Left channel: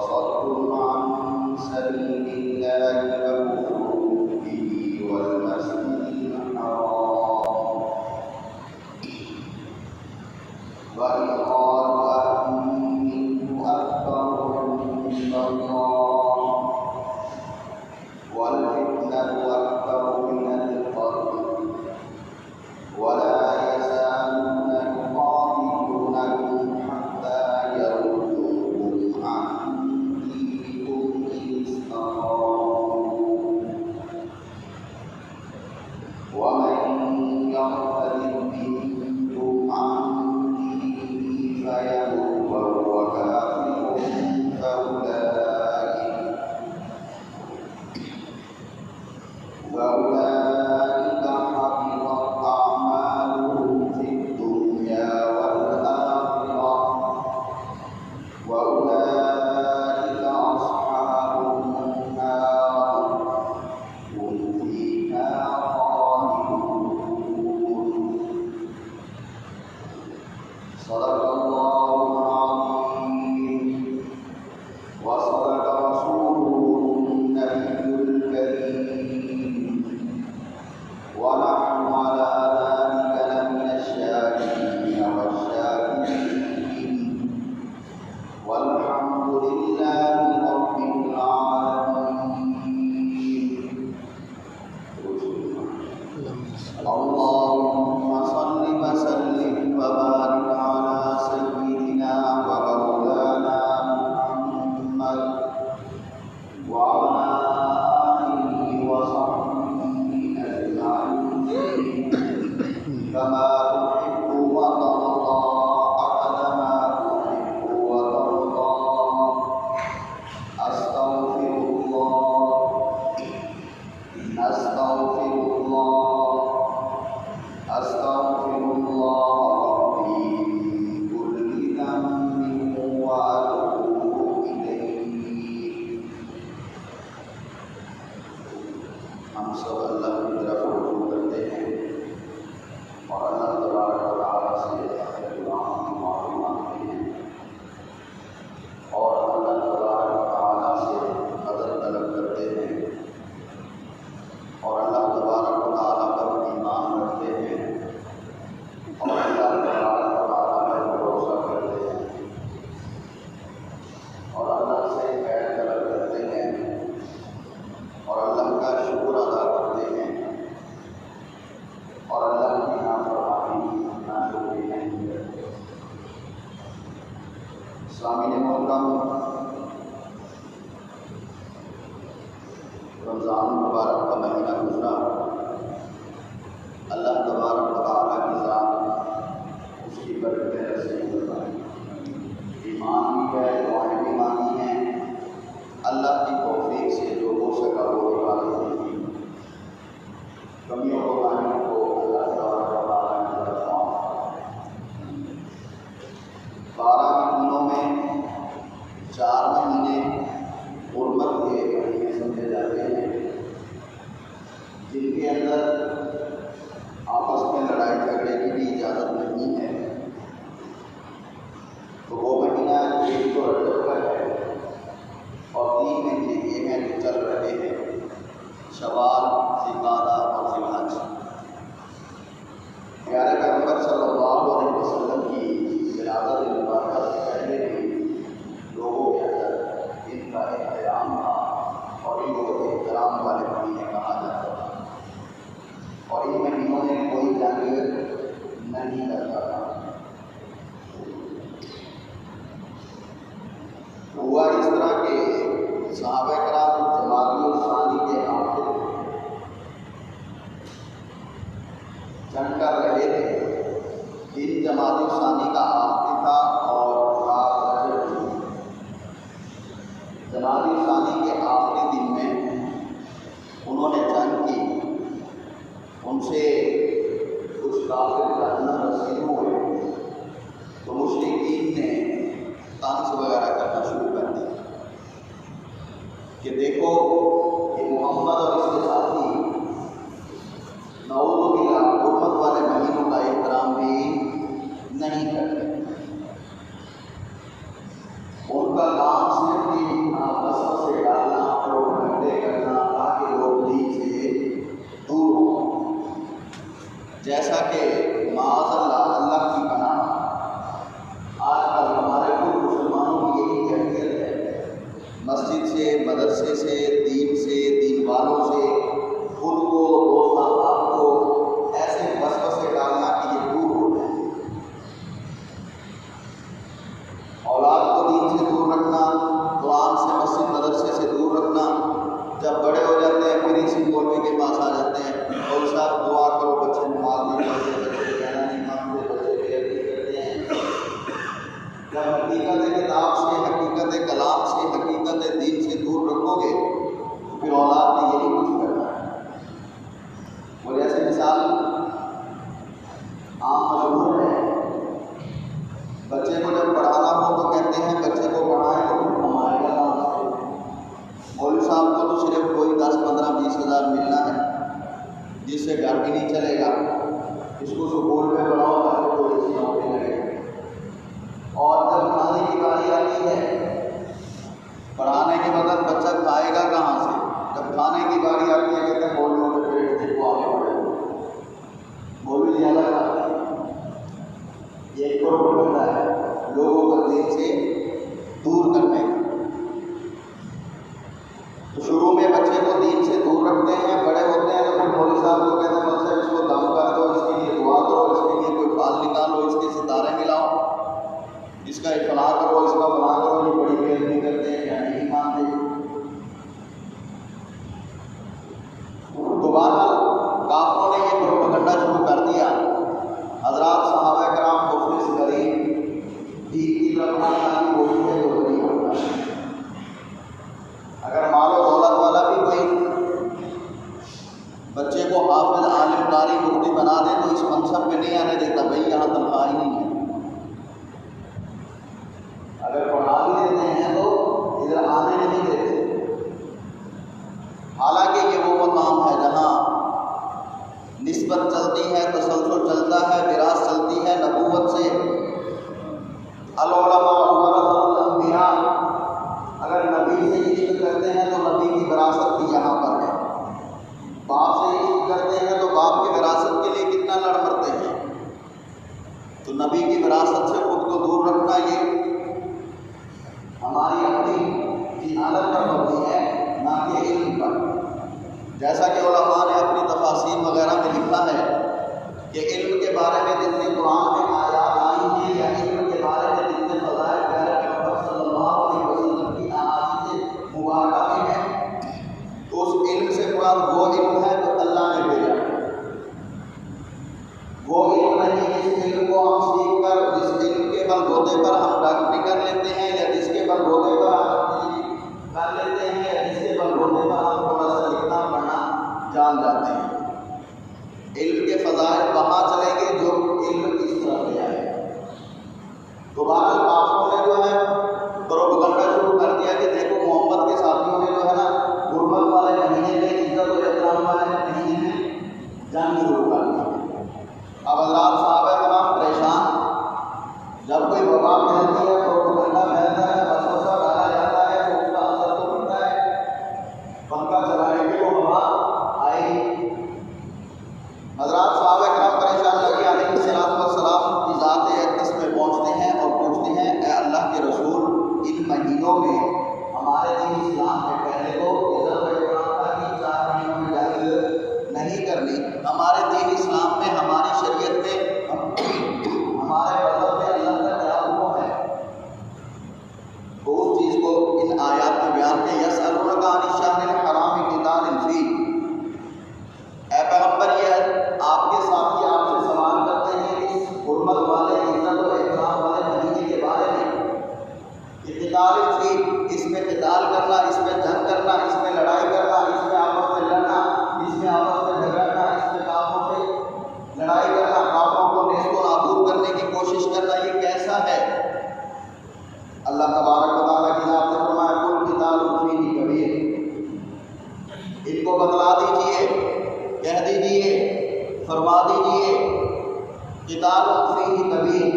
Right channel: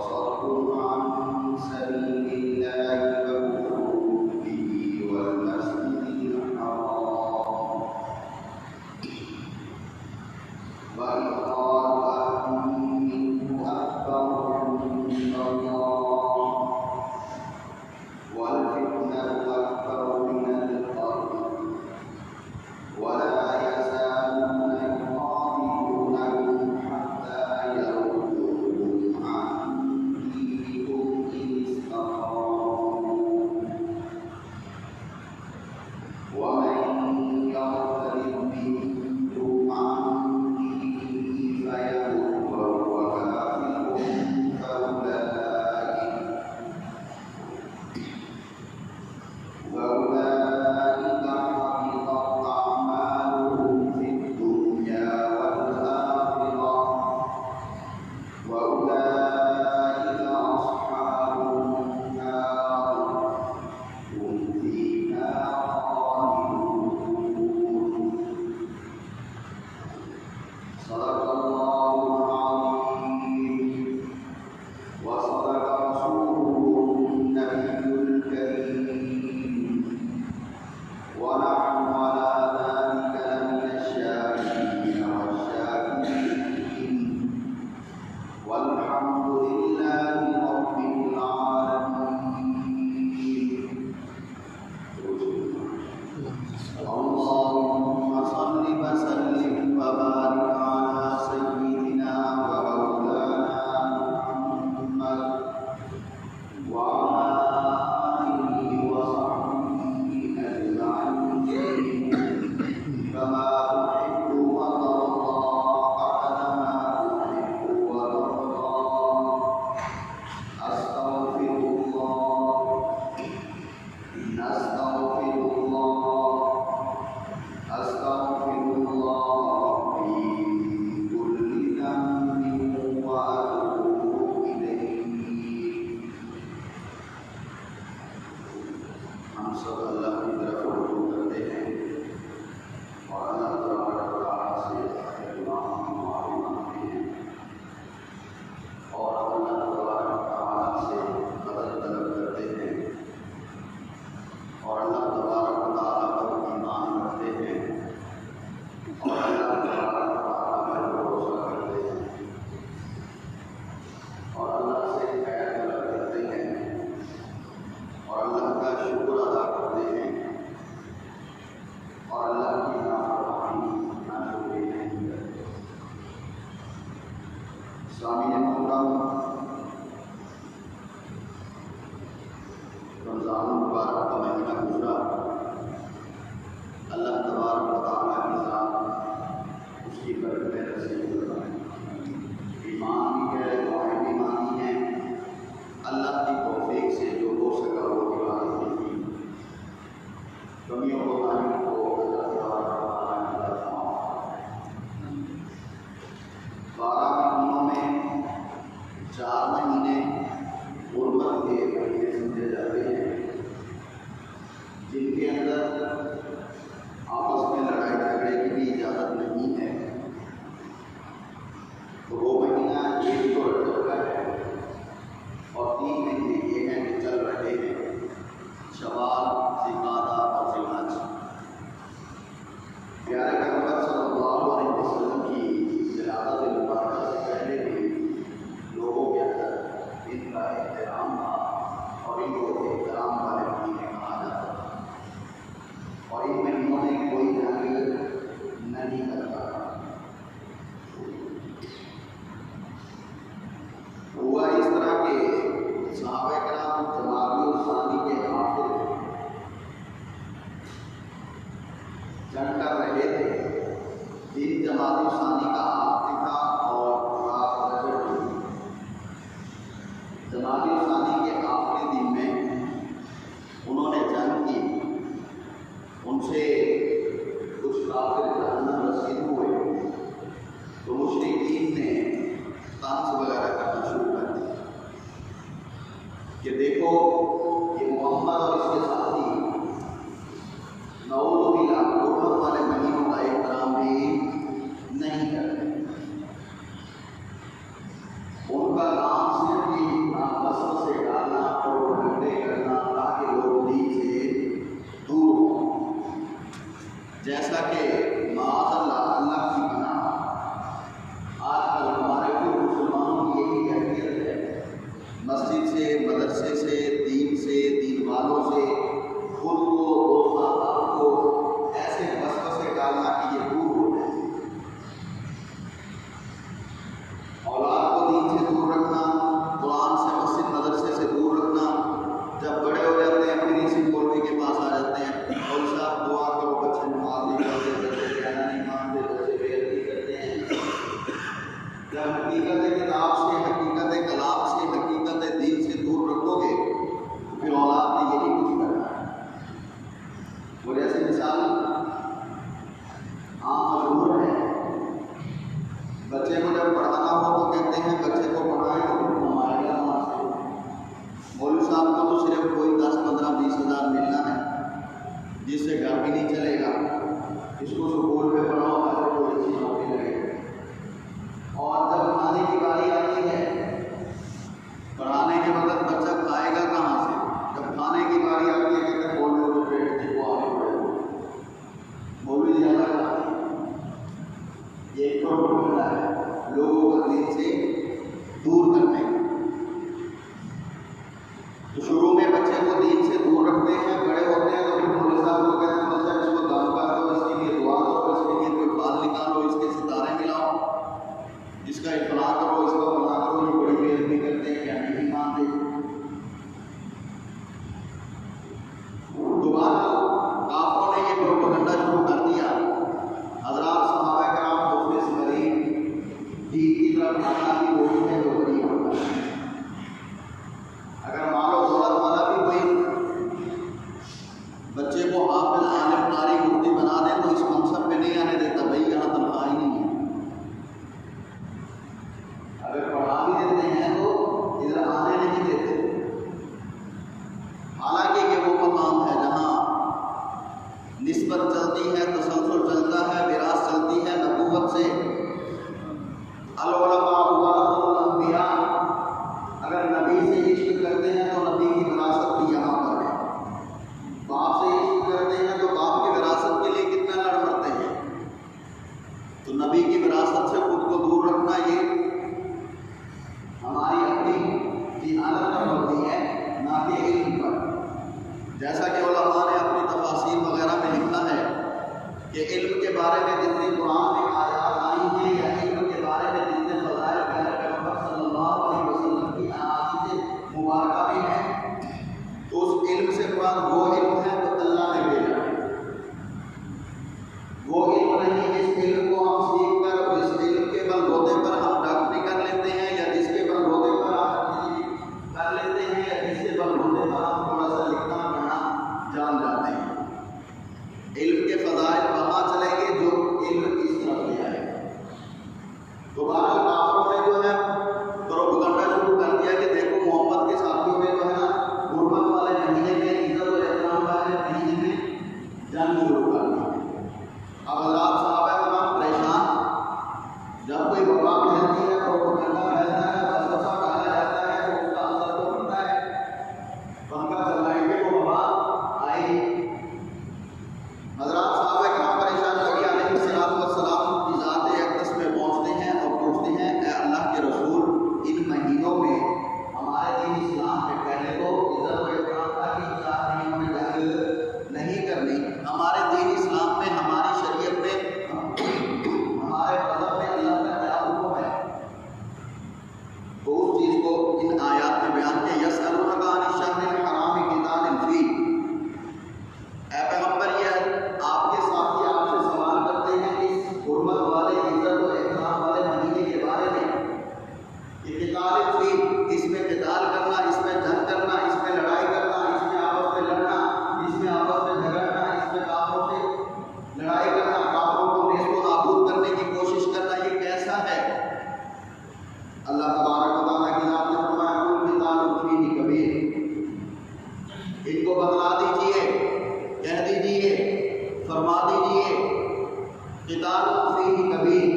وصد عن سبيل الله وكفر به والمسجد الحرام وإخراج منه أكبر عند الله والفتنة أكبر من القتل ولا يزالون يقاتلونكم حتى يردوكم عن دينكم إن استطاعوا ومن يرتد منكم عن دينه فيمت وهو كافر فأولئك حبطت أعمالهم في الدنيا والآخرة وأولئك أصحاب النار هم فيها خالدون. صدق الله العظيم وصدق رسوله النبي الكريم ونحن على ذلك لمن الشاكرين والشاكرين والحمد لله رب العالمين. اللهم صل وسلم وبارك على سيدنا ومولانا محمد وعلى آله وصحبه أجمعين كما تحب وترضى عدد ما تحب وترضى. أستغفر الله أستغفر الله أستغفر الله ربي من كل ذنب وأتوب إليه. ہم سب اللہ کی طرف رجوع کرتے ہیں اور اللہ تبارک و تعالیٰ سے اپنے گناہوں کی معافی مانگتے ہیں اور اللہ تبارک و تعالیٰ سے مدد طلب کرتے ہیں اور اللہ تبارک و تعالیٰ پر ایمان رکھتے ہیں اور اللہ تبارک و تعالیٰ پر بھروسہ کرتے ہیں اور اللہ سے خیر طلب کرتے ہیں اور اللہ کا شکر ادا کرتے ہیں اور اللہ کی نافرمانی ناشکری نہیں کرتے. سامعین محترم، رمضان مبارک کا مہینہ گزرا. اللہ تبارک و تعالیٰ کی ذات اس کی برکتیں نصیب فرمائیں. ایمان بھی ہے، دعائیں بھی مانگی ہیں. اللہ کی توفیق سے جو ہو سکا وہ عبادت کی. کمیوں کو ماننے کو اللہ تبارک و تعالیٰ نے معاف فرمائے. 12 مہینوں میں 4 مہینے غربت کے مہینے سمجھے جاتے ہیں جن کے اندر آپس میں لڑائی جھگڑے کی بھی اجازت نہیں ہے. تو وہ مہینہ ایک تو رجب کا ہے اور 3 مہینے یہ ہیں جو چل رہے ہیں، شوال، ذوالقعدہ اور ذی الحج. پیارے پیغمبر صلی اللہ علیہ وسلم کی ولادت مبارکہ سے پہلے بھی لوگوں کے اندر ان کا احترام تھا اور ان کو احترام والے مہینے کہا جاتا تھا اور ان مہینوں میں کوئی جنگ نہیں کرتا تھا. ہوا اس طرح کہ صحابہ کرام جمادی الثانی کے آخر جنگ کر رہے تھے. دن جمادی الثانی کا آخری تھا اور رات رجب تھی. جمادی الثانی کے آخری دن میں انہوں نے جنگ کی. ان سے کچھ کافر لڑنا رسید ہوئے تو مشرکین نے طنز وغیرہ کرنا شروع کر دیا کہ دیکھو یہ محمد اور اس کے ساتھی نعوذ باللہ غربت والے مہینوں کا احترام بھی نہیں کرتے. ان کا کام صرف گیا کہ معاذ اللہ، اللہ کی پناہ، آج کل ہمارے کچھ مسلمانوں کی یہی کیفیت ہے، مسجد سے، مدرسے سے، دین والوں سے خود کو، دوست احباب کو ایسے وسوسے ڈالنا کہ یہ دور ہو جائے، اولاد کو دین سے دور رکھنا، قرآن سے، مسجد مدرسے سے دور رکھنا، جب بڑے ہو جاتے ہیں پھر اسی مولوی کے پاس آ جاتے ہیں اور صاحب دعا کرو، بچے نماز نہیں پڑھتے، بچے کہنا نہیں مانتے، بچے پیر نہیں کرتے ہیں۔ جب حقیقت کتاب سے، حقیقت کلام سے، حقیقت دین سے دور رکھو گے تو پھر اولاد نے یہی کچھ کرنا ہے۔ وہ جیسے مثال عام مشہور ہے، بچے کو جب پڑھانا ہو تو کہتے ہیں بچے کو پڑھائیں تو پھر کمائے گا وہاں سے۔ مولوی صاحب کو تو صرف کوئی 10، 15، 20 ہزار ملنا ہے، جس سے گھر بھی نہیں چلے گا، اس کو سکول میں پڑھاؤ تاکہ تھوڑی سی نوکری لگے۔ اور جب کھانے کی باری آتی ہے، پڑھانے کے وقت بچہ کھائے گا کہاں سے؟ جب کھانے کی باری آتی ہے کہتے ہیں مولوی کے پیٹ سے وہ آگے بڑھے، مولوی زیادہ کھاتے ہیں۔ یہ ایک پروپیگنڈا ہے لوگوں کو دین سے دور کرنے کا۔ تو شروع میں بچے کو دین سے دور رکھتے ہیں، بڑے ہوتے ہیں تو پھر مولوی صاحب کو کہتے ہیں بچہ اس کو دم کر دو، اس کے لیے دعا کرو، اس کے لیے کوئی پھال نکالو، اس کے ستارے ملاؤ، اس کا اطلاع کرو، اس کا بنا کرو، یہ بڑی بے ادبی کرتے ہیں، کہنے نہیں مانتے۔ دوبارہ کافروں نے یہ پروپیگنڈا شروع کر دیا، حضرات صحابہ کرام مفلس غریب دین کی طرف آنے کی کوشش ہے تو غریب ہوتا ہے۔ اگر مال و دولت والا بھی کوئی بچے کو حافظ، عالم، قاری، مفتی بنا دے تو اس منصب پہ نہیں آنے دیتا، بھائی یہاں تنخواہ ہی نہیں ہے۔ اگر پڑھا بھی دیتے ہیں تو ادھر آنے نہیں دیتے، حالانکہ یہ وہ مقام ہے جہاں نسبت چلتی ہے، تسلسل چلتا ہے، وراثت چلتی ہے نبوت سے۔ العلماء ورثۃ الانبیاء، اگر نبی سے عشق کرتے ہیں تو نبی کی وراثت بھی یہاں پر ہے، باپ سے عشق کرتے ہیں تو باپ کی وراثت کے لیے کتنا لڑ مرتے ہیں۔ تو نبی کی وراثت سے خود کو دور رکھنا یہ ہماری اپنی جہالت پر ہوتی ہے، نہ کہ علم پر۔ جیسا کہ علماء نے اپنی تفاسیر وغیرہ میں لکھا ہے کہ علم کے بارے میں جتنے قرآن میں آیات آئی ہیں یا علم کے بارے میں جتنے فضائل پیغمبر صلی اللہ علیہ وسلم کی احادیث مبارکہ میں ہیں، تو اس علم سے مراد وہ علم ہے جو اللہ نے بھیجا ہے، وہ علم نہیں جس علم کو ہم سیکھ کر، جس علم کے بلبوتے پر ہم ڈاکٹری کر لیتے ہیں، یا جس کے بلبوتے پر ہم کر لیتے ہیں، یا جس کے بلبوتے پر ہم تھوڑا سا لکھنا پڑھنا جان جاتے ہیں۔ علم کے فضائل وہاں چلیں گے جو علم اس طرف لے آئے۔ دوبارہ کافروں نے جو ہے پروپیگنڈا شروع کر دیا کہ دیکھو محمد کے ساتھیوں نے جو ہے نا غربت والے مہینے میں، عزت و احترام والے مہینے میں جنگ شروع کر دی۔ اب حضرات صحابہ کرام پریشان، جب کوئی وبا پھیلتی ہے، پروپیگنڈا پھیلتا ہے، وسوسہ ڈالا جاتا ہے تو اس کا اثر تو پڑتا ہے، پنکھا چلائیں گے وہ وبا آئے گی۔ حضرات صحابہ کرام پریشان نبی علیہ السلام کی ذات اقدس میں پہنچتے ہیں اور پوچھتے ہیں اے اللہ کے رسول، ان مہینوں میں ہمارے دین اسلام کے پہلے تو عزت و احترام تھا کہ 4 مہینوں میں جنگ نہیں کرنی، ہمارے دین اسلام میں، ہماری شریعت میں، ہمارے مذہب میں اللہ کا کیا حکم ہے؟ تو اس چیز کو ان آیات میں بیان کیا، یسألونک عن الشہر الحرام قتال فیہ، اے پیغمبر یہ آپ کے ساتھی آپ سے سوال کرتے ہیں اس حرمت والے، عزت و احترام والے مہینے کے بارے میں کہ قتال فیہ، اس میں قتال کرنا، اس میں جنگ کرنا، اس میں لڑائی کرنا، اس میں آپس میں لڑنا، اس میں آپس میں جھگڑنا، اس میں کافروں سے لڑائی کرنا، کافروں کو نیست و نابود کرنے کی کوشش کرنا، یہ کیسا ہے؟ اللہ تبارک و تعالیٰ کی ذات نے فرمایا کل قتال فیہ کبیر، ان کو بتلا دیجئے، کہہ دیجئے، فرما دیجئے، قتال فیہ کبیر،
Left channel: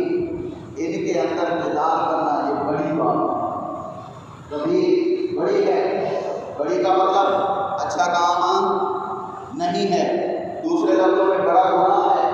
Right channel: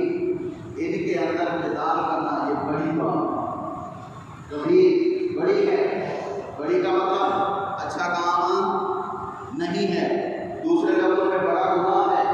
ان کے اندر قتال کرنا یہ بڑی بات، کبیر بڑی ہے، بڑی کا مطلب اچھا کام نہیں ہے، دوسرے لفظوں میں بڑا گناہ ہے،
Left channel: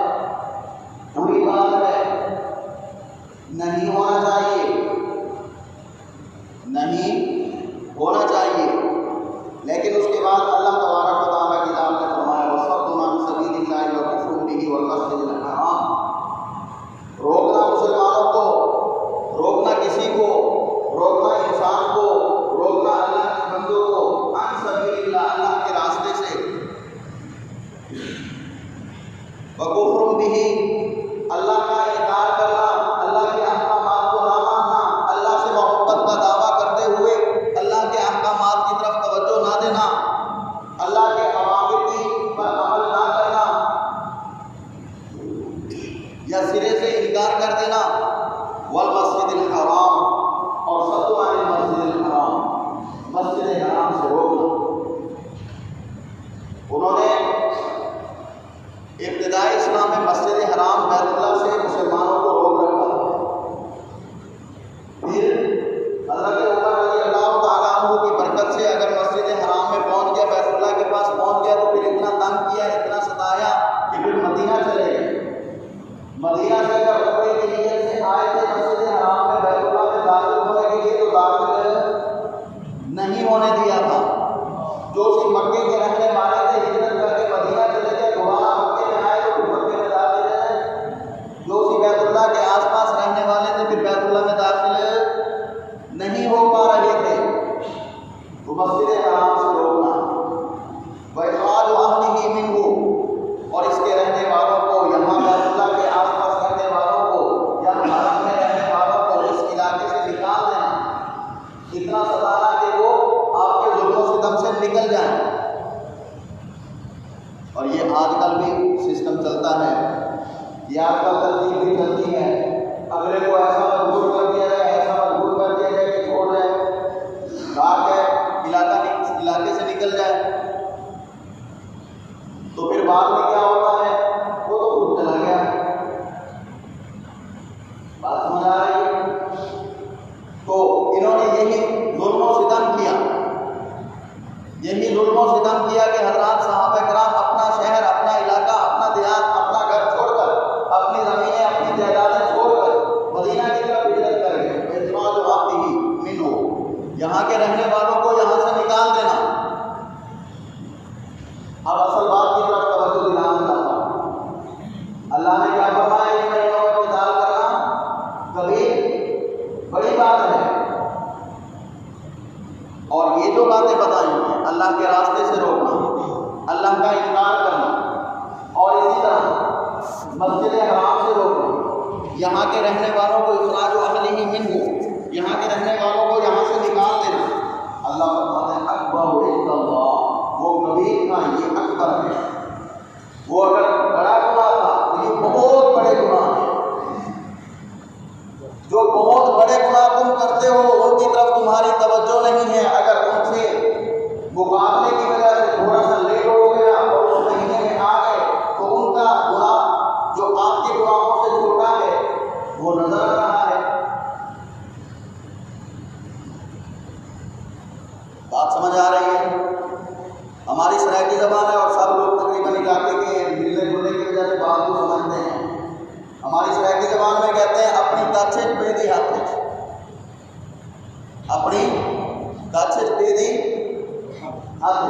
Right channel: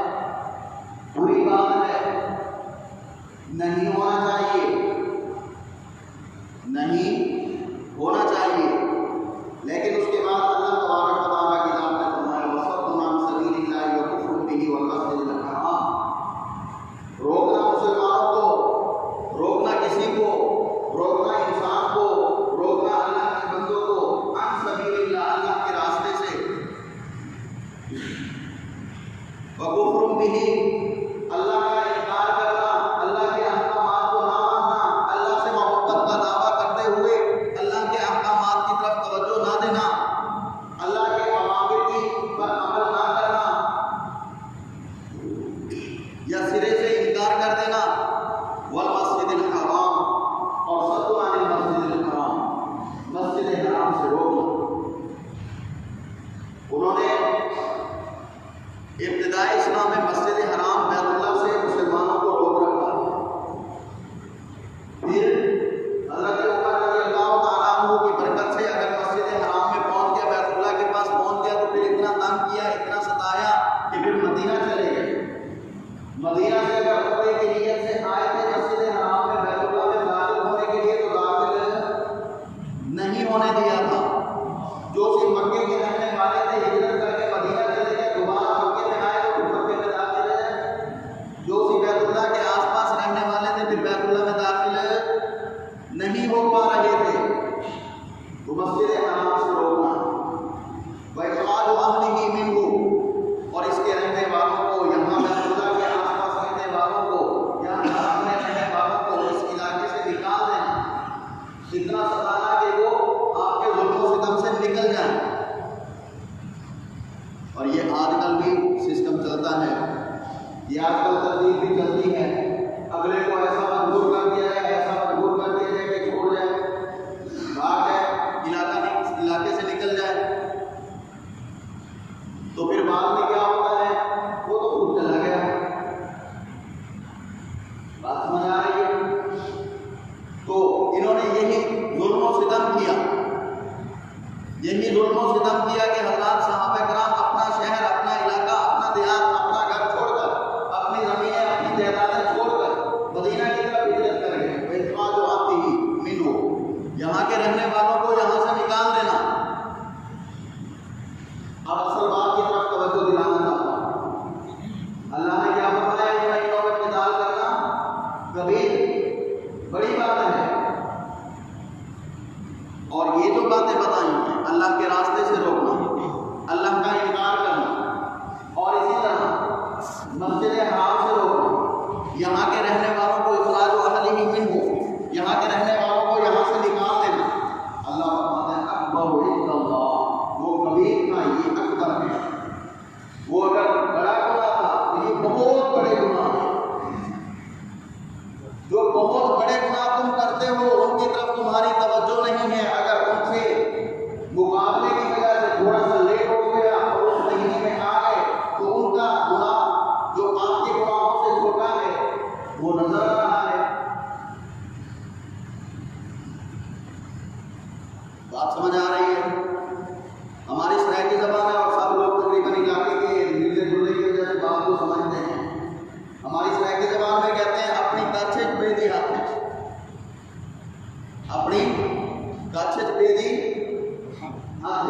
ہونے دیا تھا۔ جو صرف مکے کے رہنے والے تھے ہجرت کر کے مدینہ چلے گئے، دوبارہ مکے میں آئے تو پھر مکے میں داخل ہے۔ جو صرف بیت اللہ کے آس پاس رہنے والے تھے پھر بیت اللہ میں داخل نہیں ہو پا رہے تھے، تو مسجد حرام سے روکنا، وَإِخْرَاجُ أَهْلِهِ مِنْهُ، اور اس کے رہنے والوں کو، یہاں بیت اللہ کے آس پاس رہنے والوں کو یا حرم میں رہنے والوں کو اس علاقے سے نکال دینا، اتنا ستانا کہ وہ آپ کے ظلم و ستم سے نکل جائیں۔ اور یہ آج کل بھی سسٹم چلتا ہے، یہ آج کل ترتیب بھی چلتی ہے، اگلے کو ایسا مجبور کر دیا جائے، ایسا مجبور کر دیا جائے کہ چھوڑ جائے، بھاگ جائے، علاقے سے نکل جائے، تو پھر بعد میں کیا ہوتا ہے، وہ تو خود چلا گیا۔ بات سمجھ آ رہی ہے؟ تو انہوں نے یہی ظلم و ستم کیا، یہی ظلم و ستم کیا کہ حضرات صحابہ کرام اپنا شہر، اپنا علاقہ، اپنا دیہات، اپنا گھر چھوڑ کر، اپنی زمینیں، اپنی جائیدادیں چھوڑ کر مدینہ کی طرف ہجرت کر گئے۔ اخراج آتہ منہ، یہاں کے رہنے والوں کو یہاں سے نکال دینا۔ اب اصل بات کی طرف توجہ دلانا چاہتا ہوں۔ اللہ نے کیا فرمایا، یہ کلمہ و قتال کرنا کبھی بڑی بات ہے، اور یہ جو باتیں بتائی ہیں، اللہ کے راستے سے روکنا، اللہ کا انکار کرنا، اور اسی طرح مسجد حرام سے روکنا، یہاں کے رہنے والوں کو اخراج اہلہ منہ، یہاں کے رہنے والوں کو یہاں سے نکال دینا۔ اللہ فرماتے ہیں اکبر عند اللہ، وہ کبیر تھا، یہ اکبر ہے۔ وہ اگر بڑا گناہ تھا، یہ بہت بڑے گناہ ہیں۔ جو بہت بڑے گناہ تم کرتے ہو ان کی طرف تمہاری توجہ نہیں ہے، اگر ان سے مقابلے کی وجہ سے تھوڑا سا لیٹ ہو گیا اور اس مہینے میں آ گئے تو ان کا گناہ جو آپ کے گناہوں سے چھوٹا ہے وہ نظر آ رہا ہے۔ بات سمجھ آ رہی ہے؟ ہماری سرائیکی زبان ہے اور سب لوگ تقریباً علاقے کے ملنے جلنے کی وجہ سے بات کو سمجھتے ہیں۔ ہماری سرائیکی زبان میں کہتے ہیں اپنی تاچھے پہ دی ہاتھ، اپنی تاچھے پہ دی ہاتھ،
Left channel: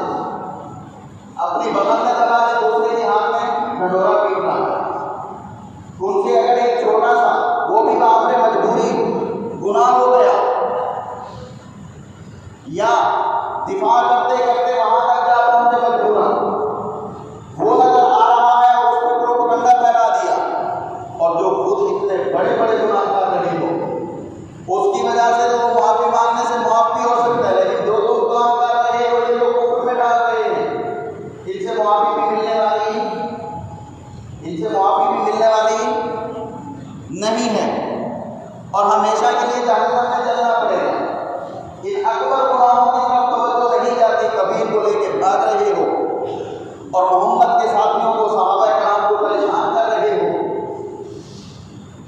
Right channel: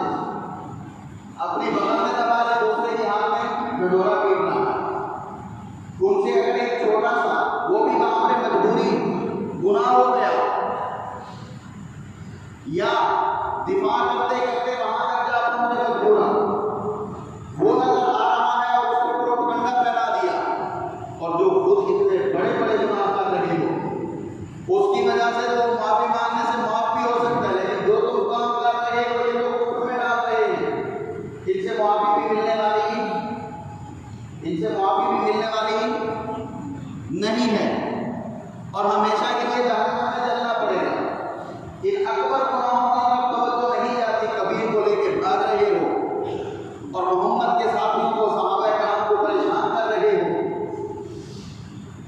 اپنی بغل میں دبا دے، دوسرے کے ہاتھ میں ڈھنڈورا پیٹنا۔ ان سے اگر ایک چھوٹا سا، وہ بھی باپ میں مجبوری گناہ ہو گیا، یا دفاع کرتے کرتے وہاں تک جا پہنچے مجبوراً، وہ نظر آ رہا ہے اور اس پر پروپیگنڈا پھیلا دیا، اور جو خود اتنے بڑے بڑے گناہگار نہیں ہو، اس کی وجہ سے تو وہ معافی مانگنے سے معاف بھی ہو سکتا ہے، لیکن جو تم کام کر رہے ہو یہ لوگ کفر میں ڈال رہے ہیں، ان سے معافی بھی ملنے والی نہیں ہے، اور ہمیشہ کے لیے جہنم میں جلنا پڑے گا۔ ان اکبر گناہوں کی طرف توجہ نہیں جاتی، کبیر کو لے کے بھاگ رہے ہو اور محمد کے ساتھیوں کو، صحابہ کرام کو پریشان کر رہے ہو۔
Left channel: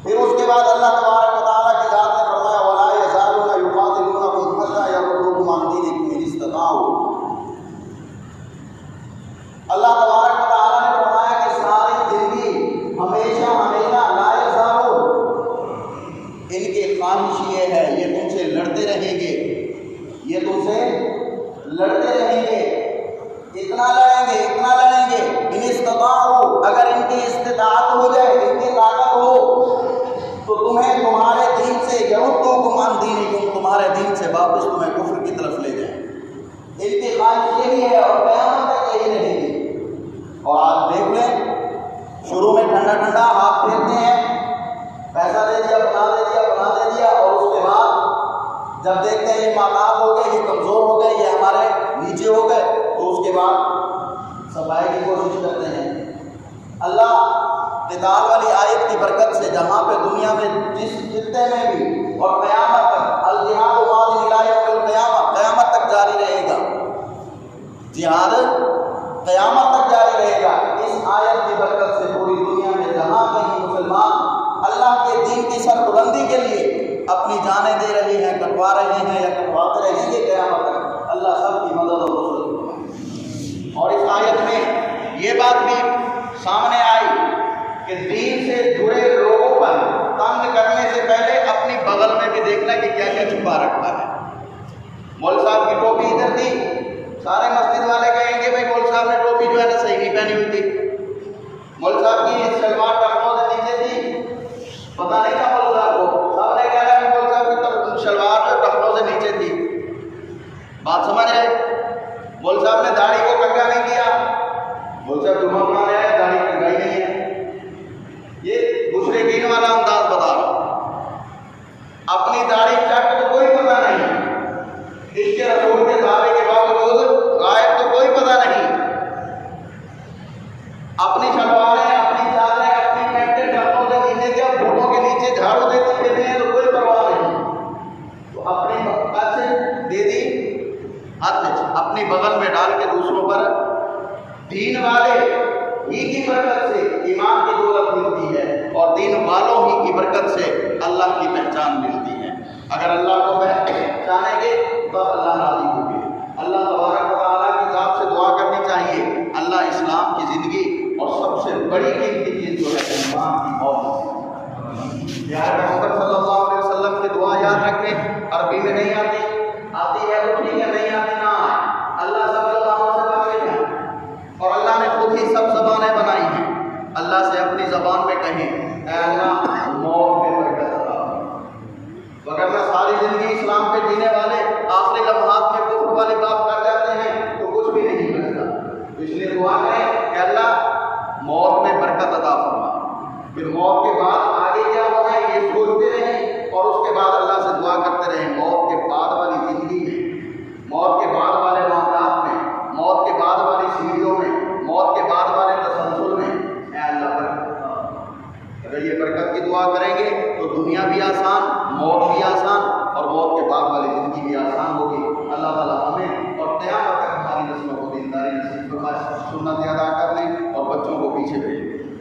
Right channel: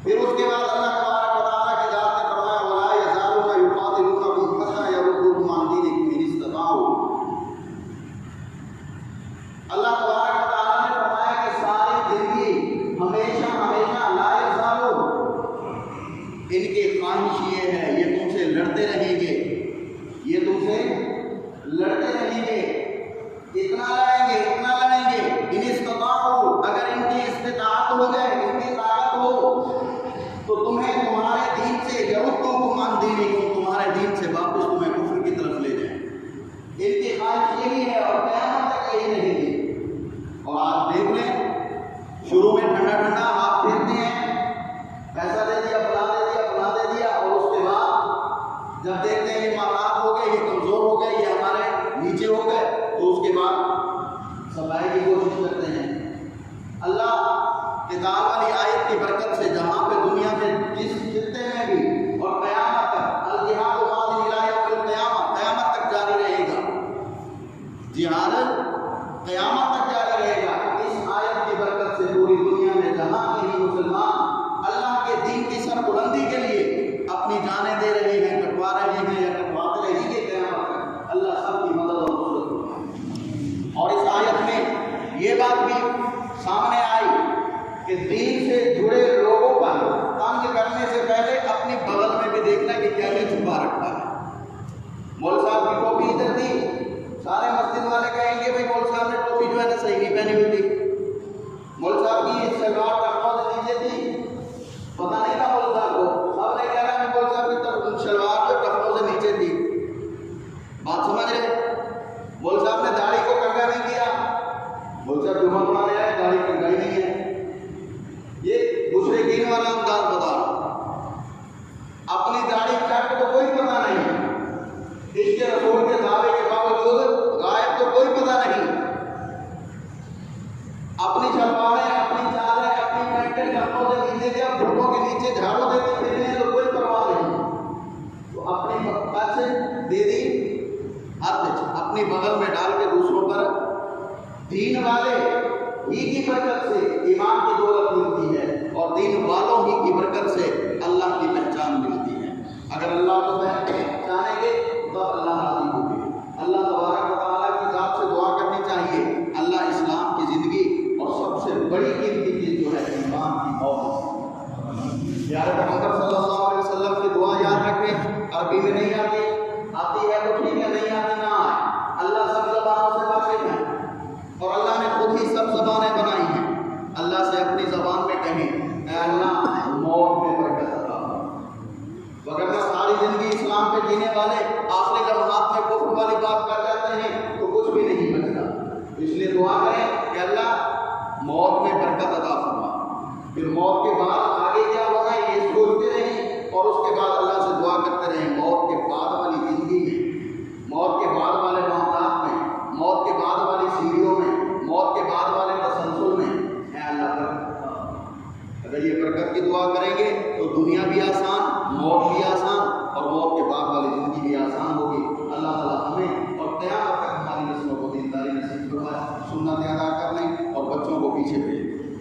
پھر اس کے بعد اللہ تبارک و تعالیٰ کی ذات نے فرمایا وَلَا يَزَالُونَ يُقَاتِلُونَكُمْ حَتَّىٰ يَرُدُّوكُمْ عَنْ دِينِكُمْ إِنِ اسْتَطَاعُوا۔ اللہ تبارک و تعالیٰ نے فرمایا کہ ساری زندگی ہمیشہ لا يزالون، ان کی خواہش یہ ہے، یہ تم سے لڑتے رہیں گے، یہ تم سے لڑتے رہیں گے، اتنا لڑیں گے، اتنا لڑیں گے، ان استطاعوا، اگر ان کی استطاعت ہو جائے، ان کی طاقت ہو تو تمہیں تمہارے دین سے یردوکم عن دینکم، تمہارے دین سے واپس تمہیں کفر کی طرف لے جائیں۔ ان کی خواہش یہی ہے اور قیامت تک یہی رہے گی۔ اور آپ دیکھ لیں، شروع میں ٹھنڈا ٹھنڈا ہاتھ پھیرتے ہیں، پیسہ دے دیا، بنا دے دیا، بنا دے دیا، اور اس کے بعد جب دیکھتے ہیں یہ ماتاب ہو گئے، یہ کمزور ہو گئے، یہ ہمارے نیچے ہو گئے، تو اس کے بعد صفائی کی کوشش کرتے ہیں۔ اللہ قتال والی آیت کی برکت سے جہاں پہ دنیا میں جس خطے میں بھی اور قیامت تک الجہاد ماضی الی یوم القیامہ، قیامت تک جاری رہے گا، جہاد قیامت تک جاری رہے گا۔ اس آیت کی برکت سے پوری دنیا میں جہاں کہیں مسلمان اللہ کے دین کی سربلندی کے لیے اپنی جانیں دے رہے ہیں، کٹوا رہے ہیں یا کٹواتے رہیں گے قیامت تک، اللہ سب کی مدد اور نصرت فرمائے۔ اور اس آیت میں یہ بات بھی سامنے آئی کہ دین سے جڑے لوگوں پر تنگ کرنے سے پہلے اپنی بغل میں بھی دیکھنا کہ کیا کیا چھپا رکھا ہے۔ مول صاحب کی ٹوپی ادھر سارے مسجد والے کہیں گے بھائی مول صاحب نے ٹوپی جو ہے نا صحیح نہیں پہنی ہوئی تھی، مول صاحب کی شلوار ٹخنوں سے نیچے تھی، پتہ نہیں تھا مول صاحب کو، سب نے کہا کہ مول صاحب کی شلوار جو ٹخنوں سے نیچے تھی۔ بات سمجھ رہے؟ مول صاحب نے داڑھی کو کنگا نہیں کیا، مول صاحب جمعہ پڑھانے آئے داڑھی کنگائی نہیں ہے۔ یہ مشرکین والا انداز بتا رہا ہوں، اپنی داڑھی چٹ تو کوئی پتہ نہیں، اس کے رسول کے دعوے کے باوجود غائب تو کوئی پتہ نہیں، اپنی شلواریں اپنی چادریں اپنی پینٹیں ٹخنوں سے نیچے کیا گھٹنوں کے نیچے جھاڑو دیتے پھرتے ہیں تو کوئی پرواہ نہیں، تو اپنی ہاتھ سے دے دی، ہاتھ اپنی بغل میں ڈال کے دوسروں پر، دین والے ہی کی برکت سے ایمان کی دولت ملتی ہے اور دین والوں ہی کی برکت سے اللہ کی پہچان ملتی ہے۔ اگر اللہ کو پہچانیں گے تو اللہ راضی ہوگی۔ اللہ تبارک و تعالیٰ کی ذات سے دعا کرنی چاہیے اللہ اسلام کی زندگی اور سب سے بڑی قیمتی چیز جو ہے انسان کی موت، پیارے پیغمبر صلی اللہ علیہ وسلم کی دعا یاد رکھیں، عربی میں نہیں آتی ہے تو ٹھیک ہے، نہیں آتی نہ آئے، اللہ سب زبانوں سے واقف ہے اور اللہ نے خود ہی سب زبانیں بنائی ہیں۔ اللہ سے اپنی زبان میں کہیں اے اللہ موت میں برکت عطا فرما، وگرنہ ساری زندگی اسلام پہ جینے والے آخری لمحات میں کفر والے بات کر جاتے ہیں تو کچھ بھی نہیں بچتا، تو اس لیے دعا کریں کہ اللہ موت میں برکت عطا فرما، پھر موت کے بعد آگے کیا ہوگا یہ سوچتے رہیں اور اس کے بعد اللہ سے دعا کرتے رہیں موت کے بعد والی زندگی میں، موت کے بعد والے معاملات میں، موت کے بعد والی سیڑھیوں میں، موت کے بعد والے تسلسل میں اے اللہ برکت۔ اگر یہ برکت کی دعا کریں گے تو دنیا بھی آسان، موت بھی آسان اور موت کے بعد والی زندگی بھی آسان ہوگی۔ اللہ تعالیٰ ہمیں اور قیامت تک ہماری نسلوں کو دینداری نصیب فرمائے، سنت ادا کر لیں اور بچوں کو پیچھے بھیجیں۔